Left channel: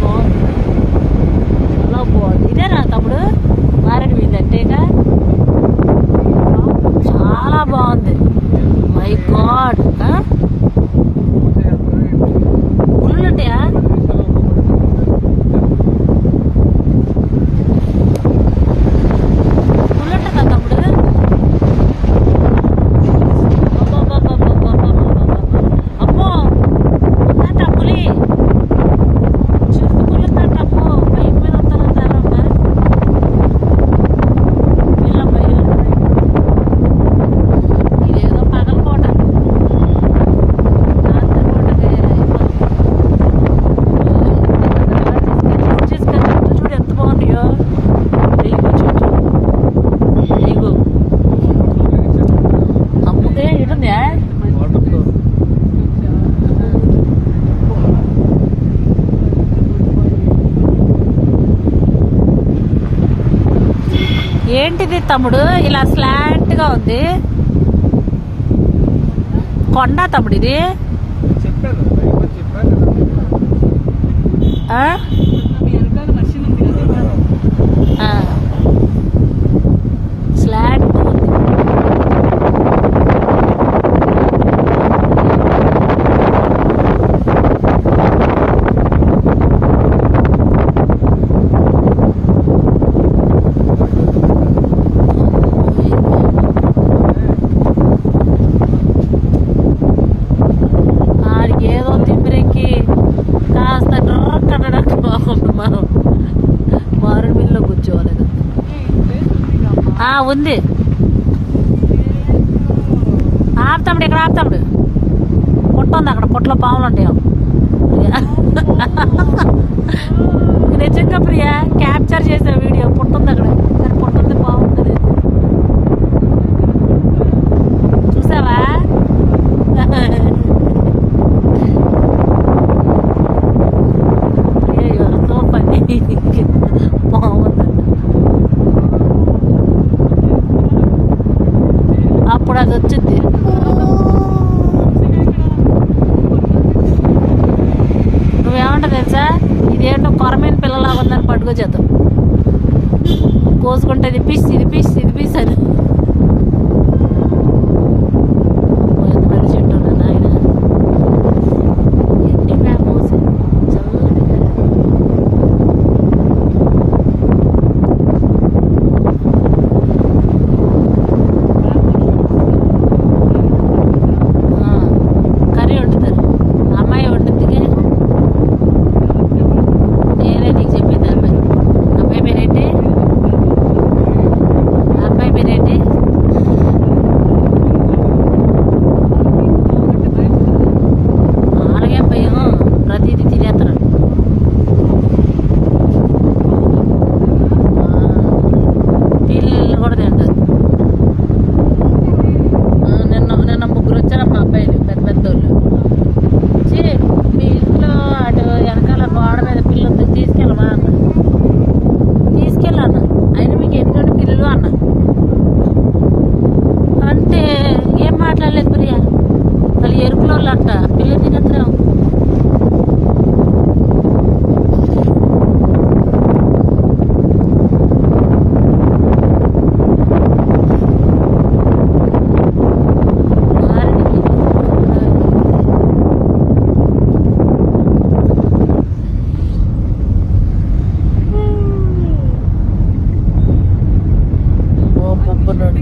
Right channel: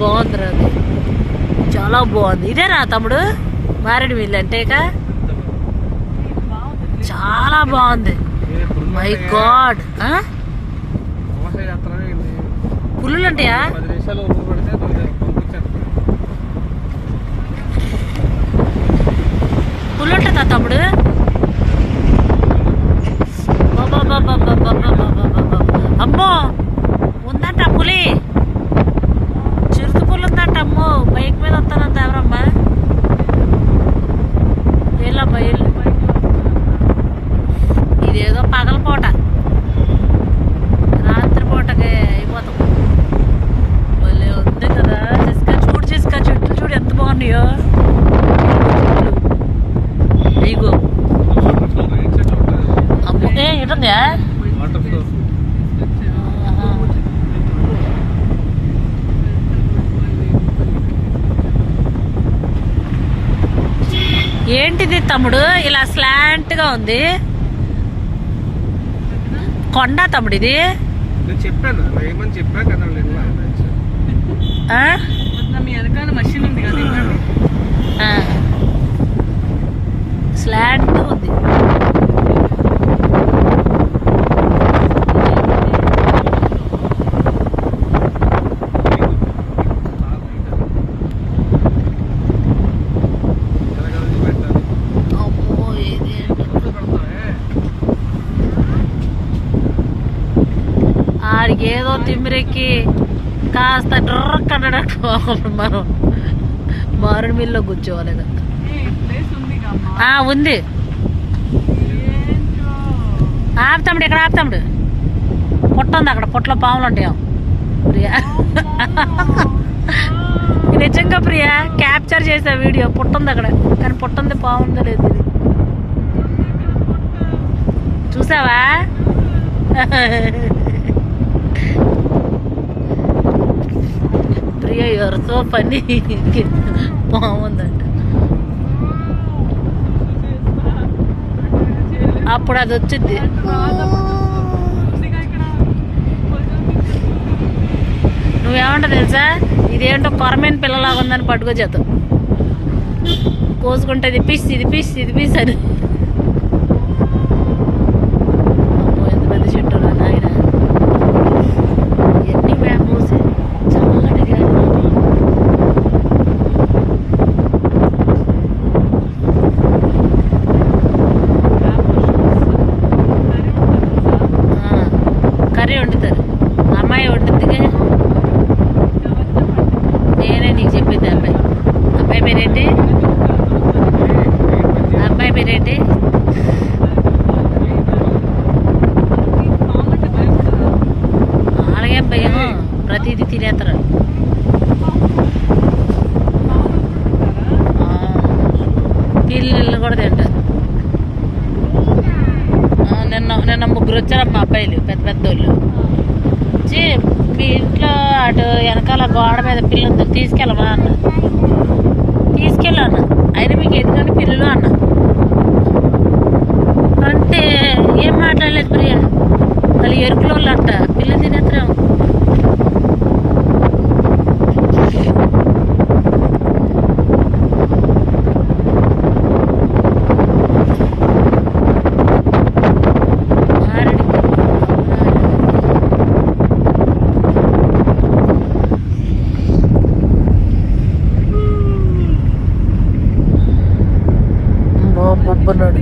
బాగుంది అది, చాలా బాగుంది. ఇదేనా తమ్ముడు మారేడుమిల్లి అంటే? ఇక చాలా బాగుంది. మై గాడ్, పుల్లులు ఉంటాయా? పుల్లు ఉంటుందా తమ్ముడు? అమ్మో ఉందంట పులి, చిరుత పుల్లు ఉందంట. అమ్మో బైక్ మీద వస్తానంత ఎవరమ్మా? వెళ్ళమ్మా వెళ్ళు. ఇదేదో పగలపూట, రాత్రిపూటకి అయిపోతాం. భలే ఉంది కదా. చూడు చెట్లు చూడు ఎంత బాగున్నాయో. నీకు అమ్ముతే ఇటుందా? ఏంటిది తమ్ముడు ఇలా స్లాంట్ గా ఉంది? కొండ తమ్ముడు ఇది? స్లాంట్ ఉంది. ఆడికి ఏదో తిమ్మిరెక్కి కాస్త డ్రక్కనట్టు మనం మారేడుమిల్లిలో కూర్చోవాలి కదా. ఉంది. ఆపుతాముడు, ఇక్కడ ఆపుతాముడు. పుట్ట ఉంది అక్కడ, పుట్టలో పాములు ఉంటాయో ప్రియా. నిజంగా ప్రియా క్యాప్చర్ చేసే వీడియో. పుట్ట ఉంది అక్కడ, కానీ పుట్ట ఉంది, పాము ఉందో లేదు చూసావా? Priya you're so funny. బాగుందంట. అప్పుడు అది వచ్చింది. నువ్వేమంటా తెలుసా? ఇదేంటో కొరమైన పిల్లలాగా ఉందని పట్టుకొచ్చేద్దాం. కోసుకుంటే ఇది పీస్, ఇది పీస్, ఇది పీస్ అని. ఎంత పెద్ద చెట్టు నాయన. ఎన్ని బ్యాంబూస్ చల్లగా. కర్రీ వండుతారు, అమ్మాయి వండుద్దిగా. నేనే నీకు చెప్పింది. అబ్బాయి పేరేంటి? అబ్బాయి పేరేంటి? అలాగే భయం, ప్రతిదీ తినేస్తారు. పిల్లలు కూడా తింటారు. నిన్న ముగ్గురు వచ్చారు మా అబ్బాయిలు, పెద్ద పెద్దోళ్ళు. మీ ఇంట్లో అటు వెనకాల గోడ మీద పిల్లి ఉంది, తీసుకెళ్ళమా అన్న. తీసుకెళ్ళా అన్న. అయినా మీకు ఎందుకంటే పిల్లలు అన్న అంటే ఏం మాట్లాడలేదు ప్రియా. వాళ్ళు ఎరుకుల వాళ్ళు అంట, పిల్ల తినేత్రం. బొబ్బన్నాడు.